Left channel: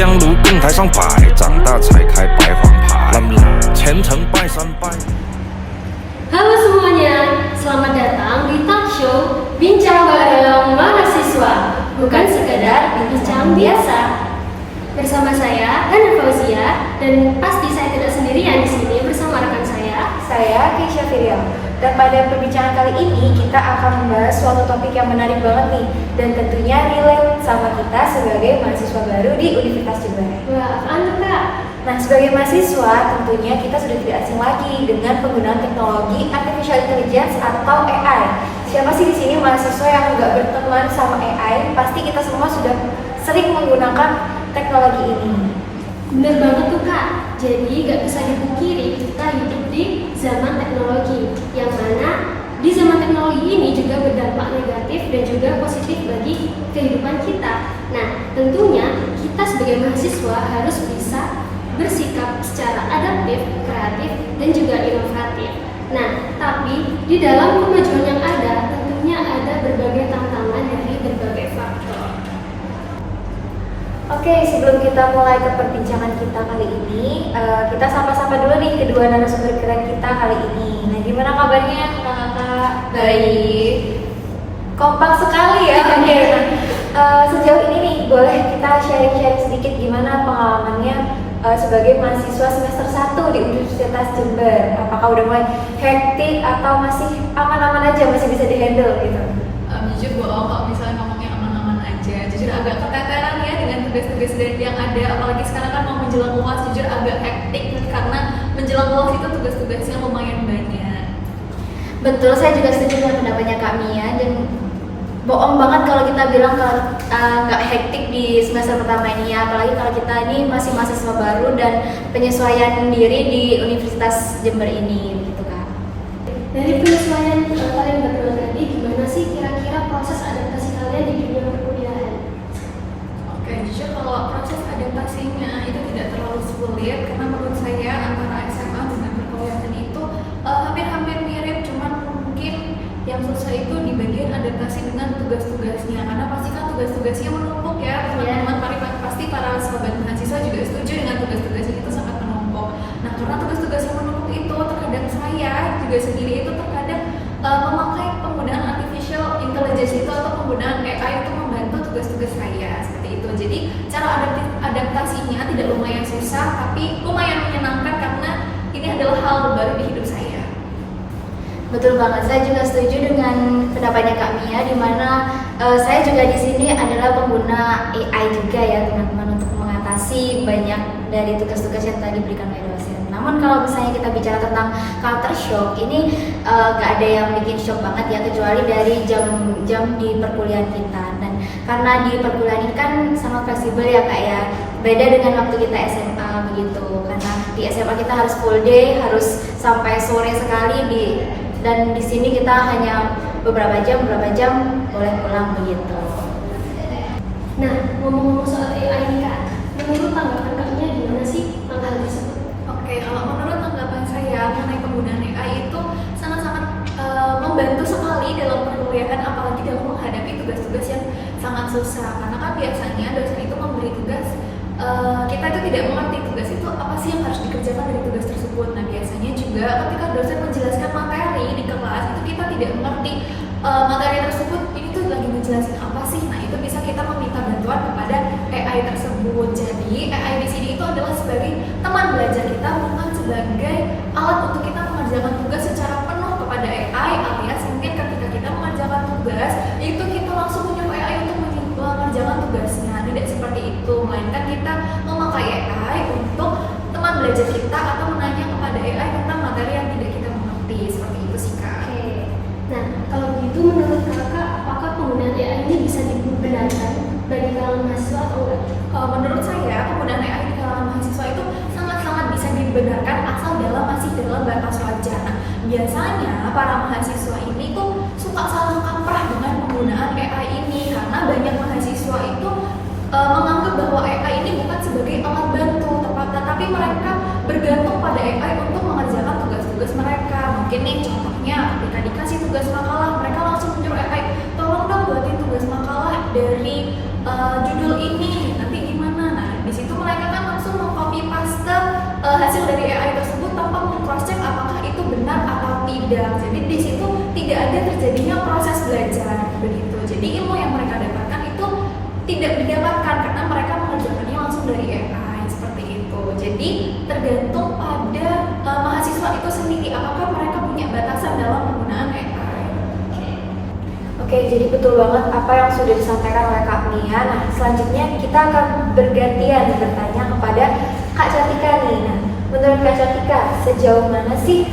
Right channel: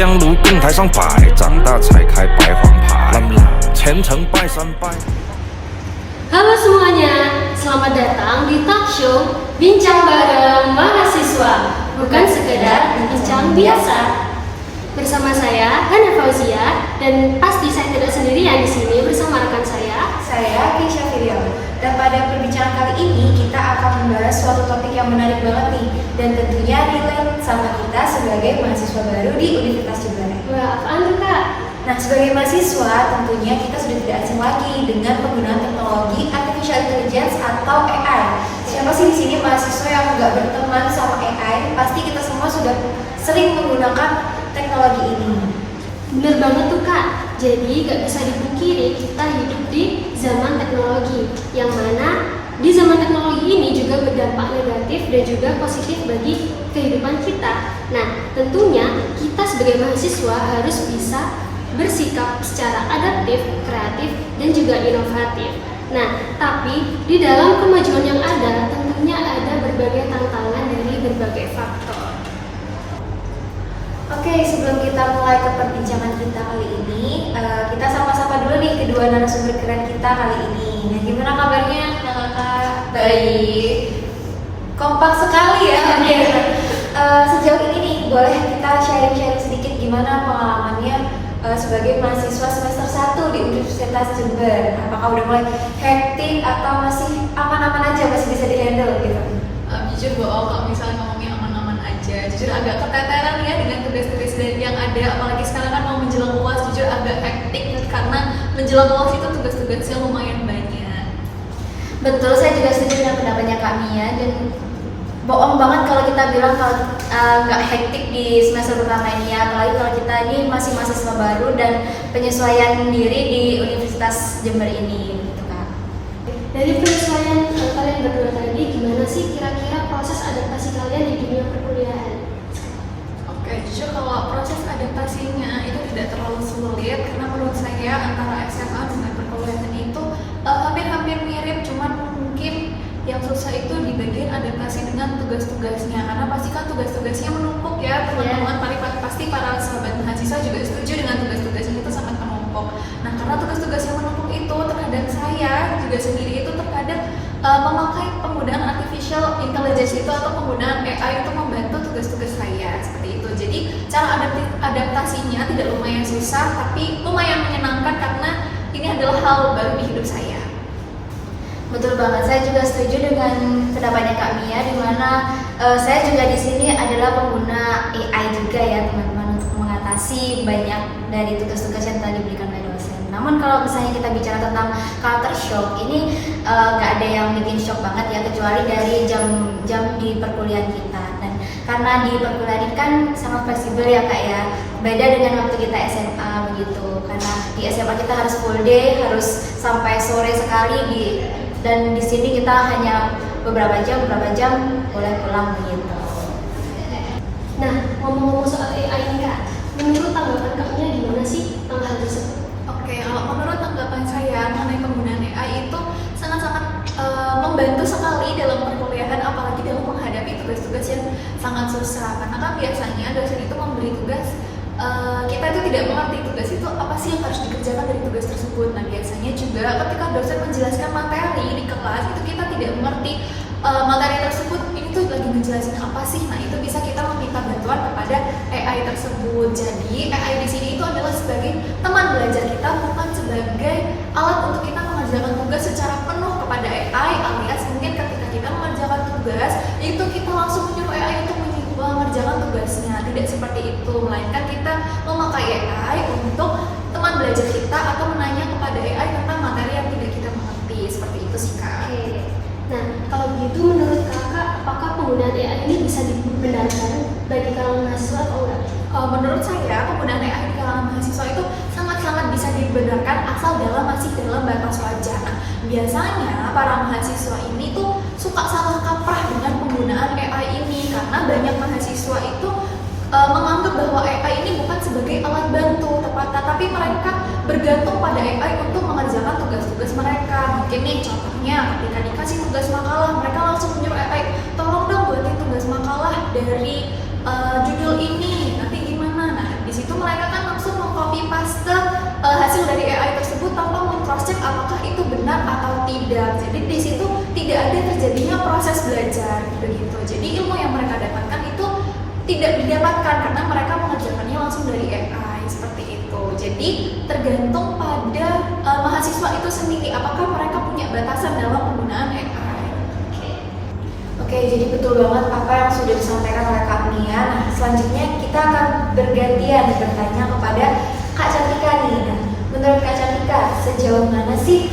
将如更台上摆，长大才开白黄牌，前程拜三拜。 Halo semuanya, selamat datang di talk show Bincang Bareng Mahasiswa, bukan sekedar bincang biasa. Bersama saya Hana Fauzia, dan pasti saya tidak sendirian di sini bersama rekan saya Keisha Firiam. Dan pada perbincangan kali ini kita akan membahas suatu topik yang menarik banget nih, dan tentunya relate sama kita sebagai mahasiswa baru di Universitas Jember. Wah, apaan tuh Kak? Nah, sebagai mahasiswa tentunya kita sudah tidak asing lagi dengan penggunaan teknologi artificial intelligence atau AI. Siapa sih di sini mahasiswa yang nggak berteman sama AI? Pasti kita semua sudah sering menggunakan teknologi ini. Bener banget tuh Kak. Jadi gak bisa dipungkiri kita hidup di zaman teknologi, yang mana di zaman teknologi ini juga berdampak negatif dan juga positif bagi kehidupan kita. Nah, tentunya kita sebagai mahasiswa harus bisa bersikap secara adaptif, kreatif, dan juga inovatif. Nah, tapi di dalam kemajuan yang ada, tentunya ada berbagai tantangan dari berbagai faktor. Oke, sebelum kita mulai ke perbincangan kita kali ini, kita sapa-sapa dulu nih kedua narasumber keren kita kali ini. Nah, gimana kabarnya kakak? Baik. Kompak sekali ya. Oke. Sejauh ini nih, boleh kita sharing-sharing sedikit gimana pengalamannya sebagai mahasiswa semester 1 di Universitas Jember. Apakah udah mulai hektik atau masih aman-aman aja, masih bisa dihandle gitu? Jujur bohong kalau misalnya ngomongnya aman-aman aja. Jujur agak keteteran ya dengan tugas-tugas yang ada, apalagi sekarang kan mau menjelang UAS. Jujur agak hektik karena menjelang UAS itu tugas-tugasnya lumayan banyak. Betul, saya juga setuju dengan pendapatnya Kak Mia, dan bohong banget kalau kita bilang kalau nggak hektik di semester pertama ini ya, apalagi kalau kita ini masih mahasiswa baru dan penyesuaian diri di Universitas Jember ini gitu Kak. Dari penyesuaian kalian berdua tadi, gimana sih kira-kira proses adaptasi kalian di dunia perkuliahan? Oke, jujur kalau proses adaptasinya itu tidak terlalu sulit, karena menurut saya antara SMA dengan perkuliahan itu hampir-hampir mirip, cuman mungkin yang susah itu di bagian adaptasi dengan tugas-tugasnya, karena pasti kan tugas-tugasnya menumpuk ya teman-teman. Pasti para sahabat mahasiswa juga setuju dengan tugas-tugasnya itu sangat menumpuk. Nah, karena tugas-tugas yang menumpuk itu terkadang saya juga sendiri itu terkadang memakai penggunaan artificial intelligence itu atau penggunaan AI untuk membantu tugas-tugas saya seperti itu. Jadi cara adaptasinya tidak lumayan susah, tapi lumayan menyenangkan karena ini adalah hal baru di hidup saya. Betul banget, saya juga setuju dengan pendapatnya Kak Mia, di mana saya juga di sini adalah pengguna AI juga ya teman-teman, untuk mengatasi banyak dari tugas-tugas yang tadi diberikan oleh dosen. Namun kalau misalnya kita bicara tentang culture shock, ini nggak ada yang bikin shock banget ya, kecuali dari jam-jam di perkuliahan kita. Dan karena di perkuliahan ini kan sangat fleksibel ya Kak ya, beda dengan waktu kita SMA begitu. Karena di SMA kita harus full day, harus sampai sore sekali dan di sini kita hanya beberapa jam boleh pulang begitu. Nah, ngomong-ngomong soal AI ini Kak, menurut tanggapan Kaknya gimana sih tentang hal tersebut? Oke, kalau menurut tanggapan saya mengenai penggunaan AI itu sangat-sangat membantu sekali dalam perkuliahan, apalagi dalam menghadapi tugas-tugas yang sangat susah. Karena kan biasanya dosen itu memberi tugas, kita itu tidak mengerti tugas itu apa sih yang harus dikerjakan dari tugas tersebut. Nah, biasanya juga ketika dosen menjelaskan materi di kelas itu kita tidak mengerti materi tersebut ini tuh lagi ngejelasin apa sih. Nah, itu bisa kita meminta bantuan kepada AI tersebut. Jadi AI di sini itu adalah sebagai teman belajar kita, bukan sebagai alat untuk kita mengerjakan tugas secara penuh kepada AI, alias mungkin ketika kita mengerjakan tugas itu kita langsung menyuruh AI untuk mengerjakan tugasnya. Tidak seperti itu, melainkan kita memakai AI untuk teman belajar kita atau menanya kepada AI tentang materi yang tidak kita mengerti. Seperti itu sih Kak. Oke. Nah, kalau begitu menurut Kakak, apakah penggunaan AI ini bisa dibenarkan bagi kalangan mahasiswa atau enggak? Menurut saya penggunaan AI di kalangan mahasiswa itu sangat-sangat bisa dibenarkan asal masih dalam batas wajar. Nah, biasanya para mahasiswa ini tuh suka salah kaprah dengan penggunaan AI ini, karena banyak mahasiswa itu menganggap bahwa AI ini bukan sebagai alat bantu, tetapi mereka bergantung pada AI untuk mengerjakan tugas-tugas mereka. Mungkin nih contohnya ketika dikasih tugas makalah, mereka langsung menyuruh AI, tolong dong buatin tugas makalah dari judul ini, nanti gimana? Nah, di situ mereka kan langsung mengcopy paste hasil dari AI tersebut tanpa meng-cross check apakah itu benar atau tidak. Jadi di situ tidak ada terjadinya proses belajar begitu. Jadi ilmu yang mereka dapatkan itu tidak didapatkan karena mereka mengerjakannya langsung dari AI seperti itu. Jadi tergantung pada mahasiswa itu sendiri apakah mereka punya batasan dalam penggunaan AI. Oke, jadi betul banget apa yang sudah disampaikan oleh Kak Mia. Nah, selanjutnya kita akan bergantian bertanya kepada Kak Cantika nih. Nah, menurut Kak Cantika, sejauh mana sih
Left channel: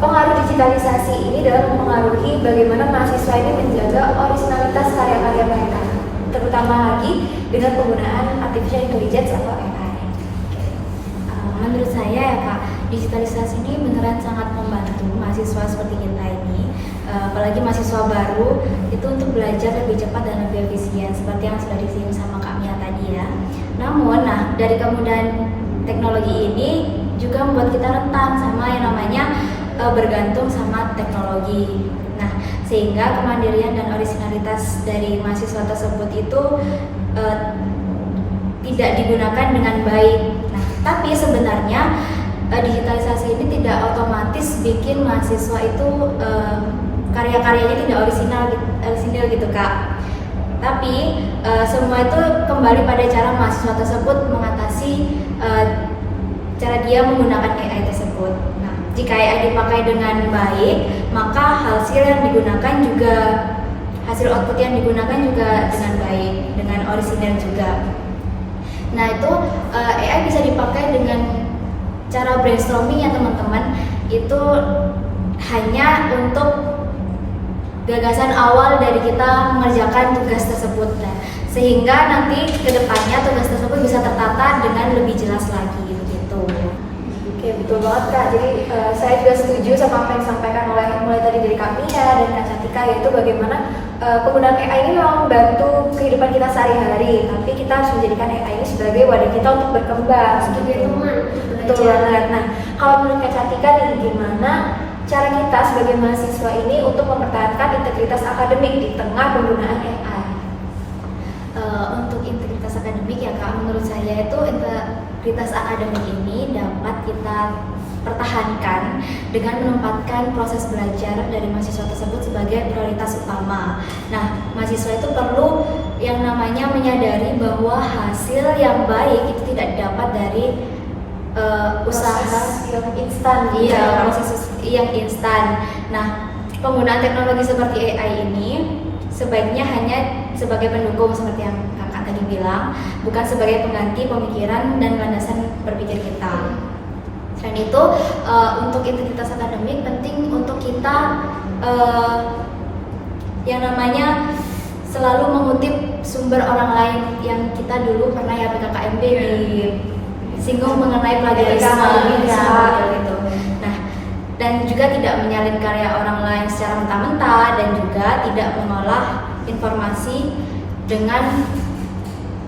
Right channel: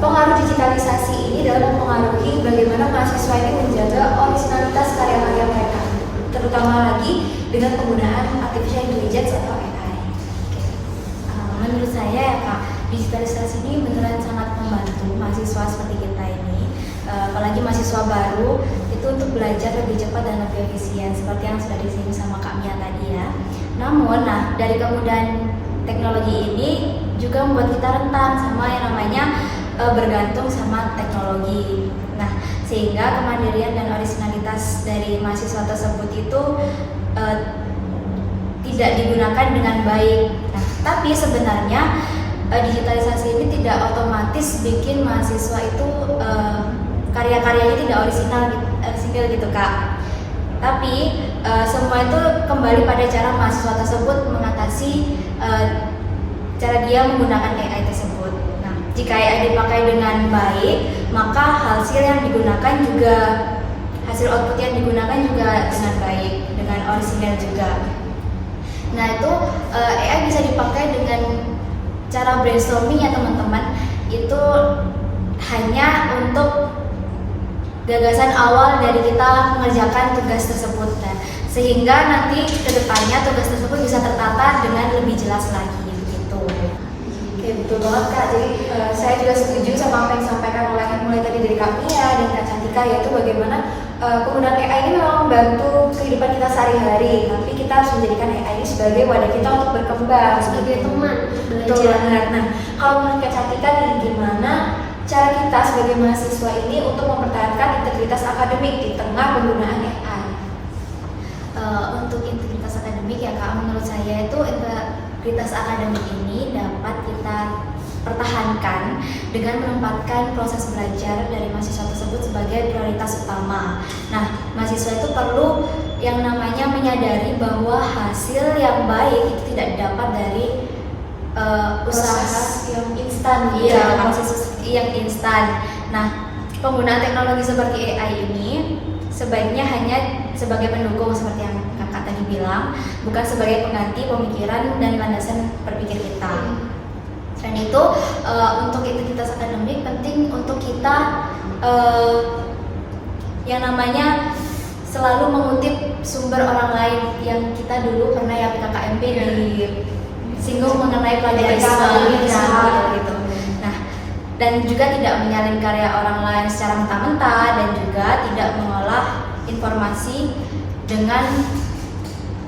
pengaruh digitalisasi ini dalam mempengaruhi bagaimana mahasiswa ini menjaga originalitas karya-karya mereka, terutama lagi dengan penggunaan artificial intelligence atau AI? Menurut saya ya Kak, digitalisasi ini beneran sangat membantu mahasiswa seperti kita ini, apalagi mahasiswa baru itu untuk belajar lebih cepat dan lebih efisien seperti yang sudah disinggung sama Kak Mia tadi ya. Namun, dari kemudahan teknologi ini juga membuat kita rentan sama yang namanya bergantung sama teknologi. Nah, sehingga kemandirian dan originalitas dari mahasiswa tersebut itu tidak digunakan dengan baik. Nah, tapi sebenarnya digitalisasi ini tidak otomatis bikin mahasiswa itu karya-karyanya tidak orisinil gitu Kak. Tapi semua itu kembali pada cara mahasiswa tersebut mengatasi cara dia menggunakan AI tersebut. Nah, jika AI dipakai dengan baik, maka hasil yang digunakan juga, hasil output yang digunakan juga dengan baik, dengan orisinil juga. Nah, itu AI bisa dipakai dengan cara brainstorming ya teman-teman, itu hanya untuk gagasan awal dari kita mengerjakan tugas tersebut, dan sehingga nanti kedepannya tugas tersebut bisa tertata dengan lebih jelas lagi begitu. Oke, betul banget Kak. Jadi saya juga setuju sama apa yang disampaikan oleh mulai tadi dari Kak Mia dan Kak Cantika, yaitu bagaimana penggunaan AI ini memang membantu kehidupan kita sehari-hari, tapi kita harus menjadikan AI ini sebagai wadah kita untuk berkembang, Sebagai teman. Betul banget. Nah, kalau menurut Kak Cantika nih, gimana cara kita sebagai mahasiswa ini untuk mempertahankan integritas akademik di tengah penggunaan AI? Untuk integritas akademik ya Kak, menurut saya itu integritas akademik ini dapat kita pertahankan dengan menempatkan proses belajar dari mahasiswa tersebut sebagai prioritas utama. Nah, mahasiswa itu perlu yang namanya menyadari bahwa hasil yang baik itu tidak dapat dari usaha yang instan. Iya, proses yang instan. Nah, penggunaan teknologi seperti AI ini sebaiknya hanya sebagai pendukung seperti yang kakak tadi bilang, bukan sebagai pengganti pemikiran dan landasan berpikir kita. Selain itu, untuk integritas akademik penting untuk kita yang namanya selalu mengutip sumber orang lain yang kita dulu pernah ya PKKMB disinggung mengenai plagiarisme gitu. Nah, dan juga tidak menyalin karya orang lain secara mentah-mentah dan juga tidak mengolah informasi dengan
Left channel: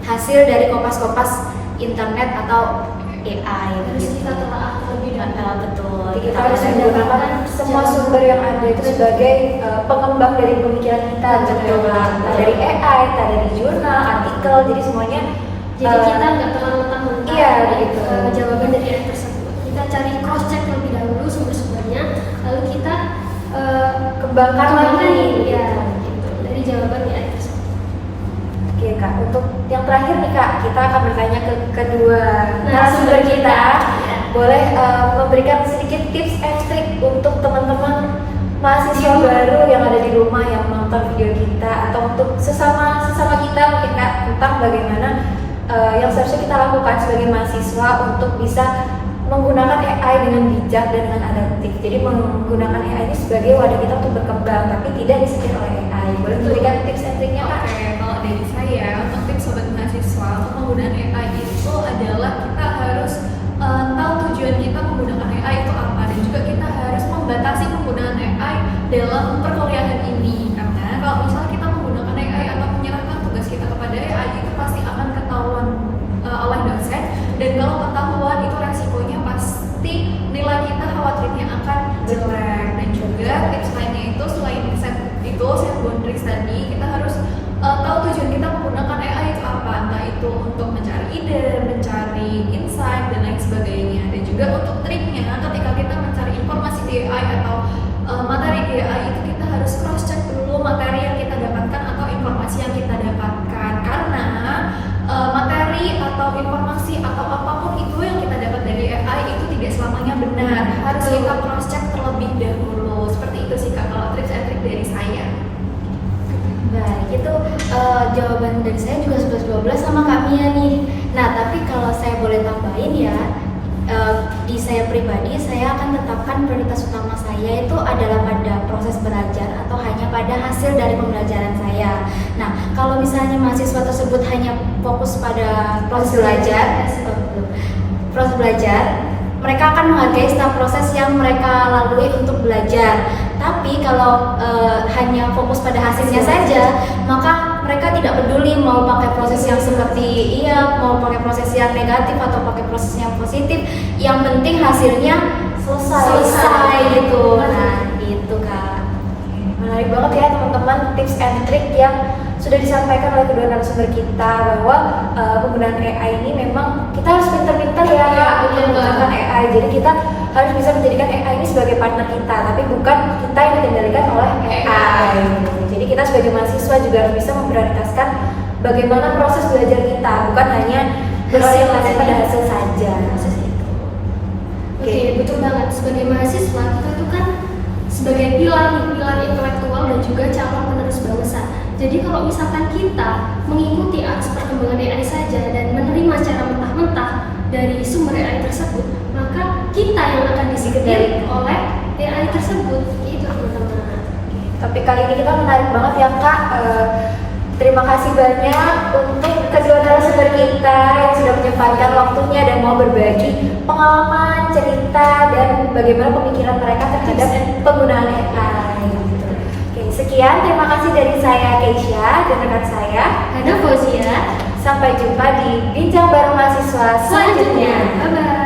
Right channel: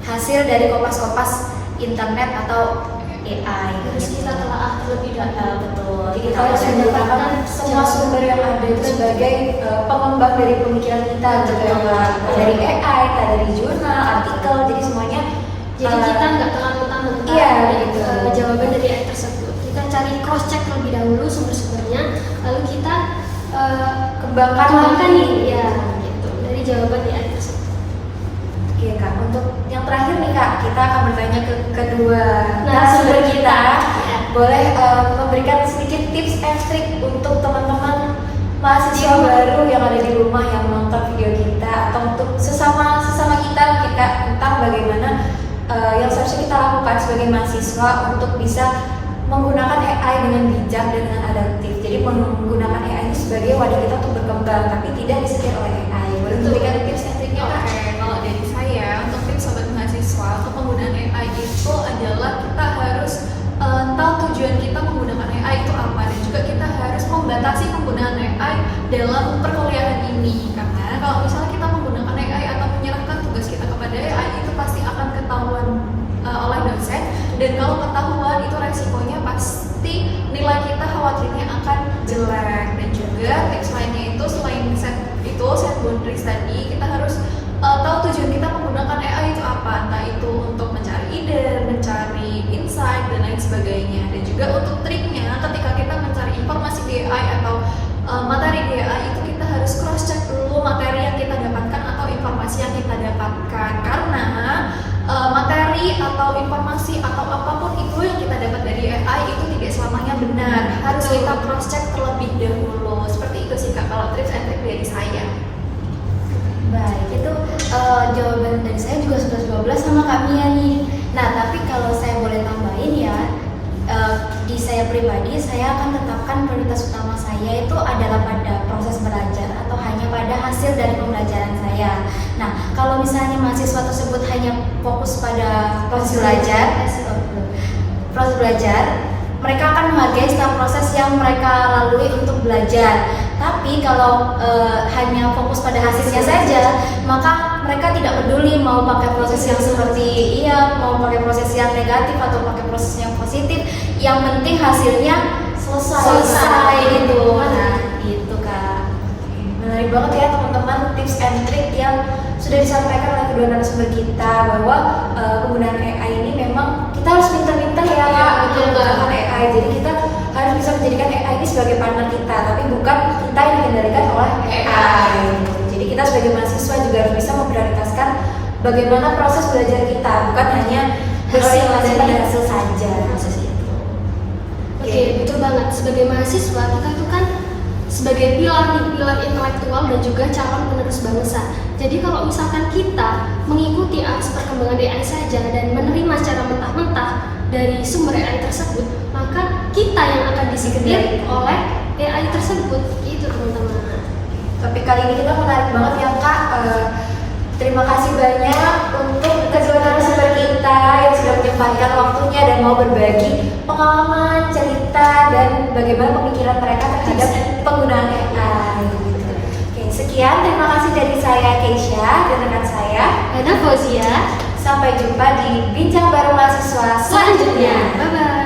hasil dari kopas-kopas internet atau AI. Harus kita telaah terlebih dahulu. Betul. Kita harus menggunakan semua sumber yang ada itu sebagai pengembang dari pemikiran kita, dari AI, dari jurnal, artikel, jadi semuanya. Jadi kita nggak terlalu mentah-mentah gitu. jawaban dari AI tersebut. Kita cari cross check terlebih dahulu sumber-sumbernya, lalu kita kembangkan lagi. Ya, gitu, dari jawaban AI tersebut. Oke Kak, untuk yang terakhir nih Kak, kita akan bertanya ke kedua narasumber kita. Boleh memberikan sedikit tips and trik untuk teman-teman mahasiswa baru yang ada di rumah yang menonton video kita, atau untuk sesama kita mungkin Kak, tentang bagaimana yang seharusnya kita lakukan sebagai mahasiswa untuk bisa menggunakan AI dengan bijak dan dengan adaptif. Jadi menggunakan AI ini sebagai wadah kita untuk berkembang, tapi tidak disetir oleh AI. Boleh memberikan tips and triknya Kak? Oke, kalau dari saya untuk tips sobat mahasiswa untuk penggunaan AI itu adalah kita harus tahu tujuan kita menggunakan AI itu apa, dan juga kita harus membatasi penggunaan AI dalam perkuliahan ini. Karena kalau misalnya kita menggunakan AI atau menyerahkan tugas kita kepada AI, itu pasti akan ketahuan oleh dosen, dan kalau ketahuan itu resikonya pasti nilai kita khawatirnya akan jelek. Dan juga tips lainnya itu selain set boundaries tadi, kita harus tahu tujuan kita menggunakan AI itu apa, entah itu untuk mencari ide sebagainya. Dan juga untuk triknya, ketika kita mencari informasi di AI atau materi di AI itu kita harus cross check dulu materi yang kita dapatkan atau informasi yang kita dapatkan, karena materi atau informasi atau apapun itu yang kita dapat dari AI itu tidak selamanya benar, harus kita cross check terlebih dahulu. Seperti itu sih Kak kalau tips and trick dari saya. Baik, itu jawaban dari saya juga sudah 12 sama Kak Mia nih. Nah, tapi kalau saya boleh tambahin ya, di saya pribadi, saya akan tetapkan prioritas utama saya itu adalah pada proses belajar atau hanya pada hasil dari pembelajaran saya. Nah, kalau misalnya mahasiswa tersebut hanya fokus pada proses belajar, mereka akan menghargai setiap proses yang mereka lalui untuk belajar. Tapi kalau hanya fokus pada hasilnya saja, maka mereka tidak peduli mau pakai proses yang seperti mau pakai proses yang negatif atau pakai proses yang positif. Yang penting hasilnya selesai gitu. Nah, itu Kak. Menarik banget ya teman-teman tips and trick yang sudah disampaikan oleh kedua narasumber kita, bahwa penggunaan AI ini memang kita harus pintar-pintar ya Kak untuk menggunakan AI. Jadi kita harus bisa menjadikan AI ini sebagai partner kita, tapi bukan kita yang dikendalikan oleh AI gitu. Jadi kita sebagai mahasiswa juga harus bisa memprioritaskan bagaimana proses belajar kita, bukan hanya berorientasi pada hasil saja. Oke, betul banget. Sebagai mahasiswa kita itu kan sebagai pilar intelektual dan juga calon penerus bangsa. Jadi kalau misalkan kita mengikuti arus perkembangan AI saja dan menerima secara mentah-mentah dari sumber AI tersebut, maka kita yang akan disetir oleh AI tersebut. Itu teman-teman. Tapi kali ini kita menarik banget ya Kak. Terima kasih banyak untuk kedua narasumber kita yang sudah menyempatkan waktunya dan mau berbagi pengalaman, cerita, dan bagaimana pemikiran mereka terhadap penggunaan AI. Oke, sekian. Terima kasih dari saya Keisha dan rekan saya Hana Fauzia. Sampai jumpa di Bincang Bareng Mahasiswa selanjutnya. Bye-bye.